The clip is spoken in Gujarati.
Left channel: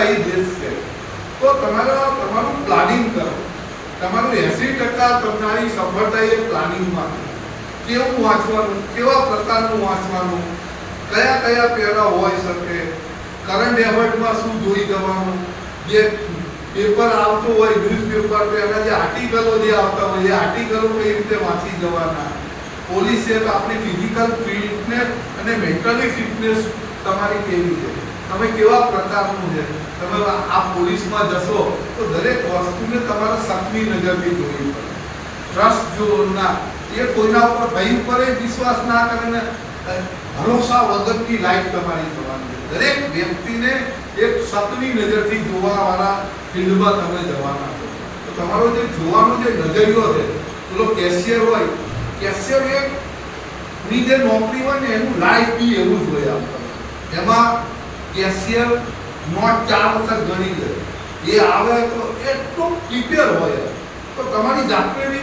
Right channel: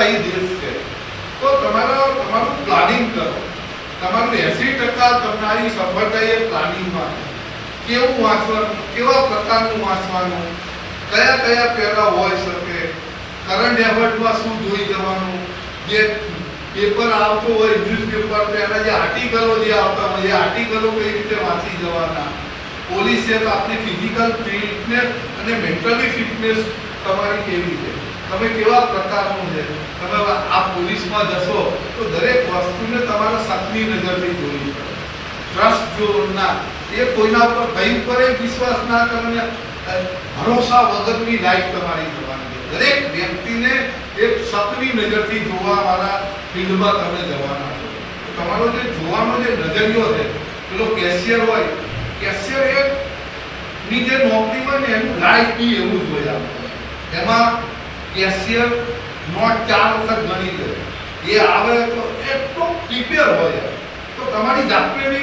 લોકશાહી દેશ છે તો તમારું પ્લાનિંગ કરો. તમારું 80% તમારી સફળતા એ પ્લાનિંગમાં છે. કેવું વાંચવાનું, કેવા પ્રકારનું વાંચવાનું, કયા કયા પેરા હોઈ શકે, કરંટ એફર્ટમાં શું જોઈ જવાનું, જે પેપર આવતો હોય ન્યૂઝપેપર એના જે આર્ટિકલો જે આવતા હોય એ આર્ટિકલો કઈ રીતે વાંચી જવાના. પોલીસ છે તો આપણી ફિઝિકલ ફિટનેસ અને મેન્ટલી ફિટનેસ તમારી કેવી છે, તમે કેવા પ્રકારનું છે. તમે આ પોલીસમાં જશો તો દરેક વસ્તુને તમારે શકની નજરથી જોવી પડે. ટ્રસ્ટ જો ના, એ કોઈના ઉપર ભાઈ ઉપર વિશ્વાસ ના કરે ને ભરોસા વગરની લાઈફ તમારી થવાની છે. દરેક વ્યક્તિને એક શકની નજરથી જોવાવાળા ફિલ્ડમાં તમે જવાના છો. તો તમારો જે જોવાનો જે નજરિયો છે, પેલો કેશિયર હોય, કેશિયર ની જે નોકરી હોય ને એનું લાઈફ બી એવું જ હોય. આપણે એમાં કેશિયર નોટ 4 વખત ગણી લે, એ આવે તો એટલો પ્રિપેર હોય. તો તમારી જાતને બી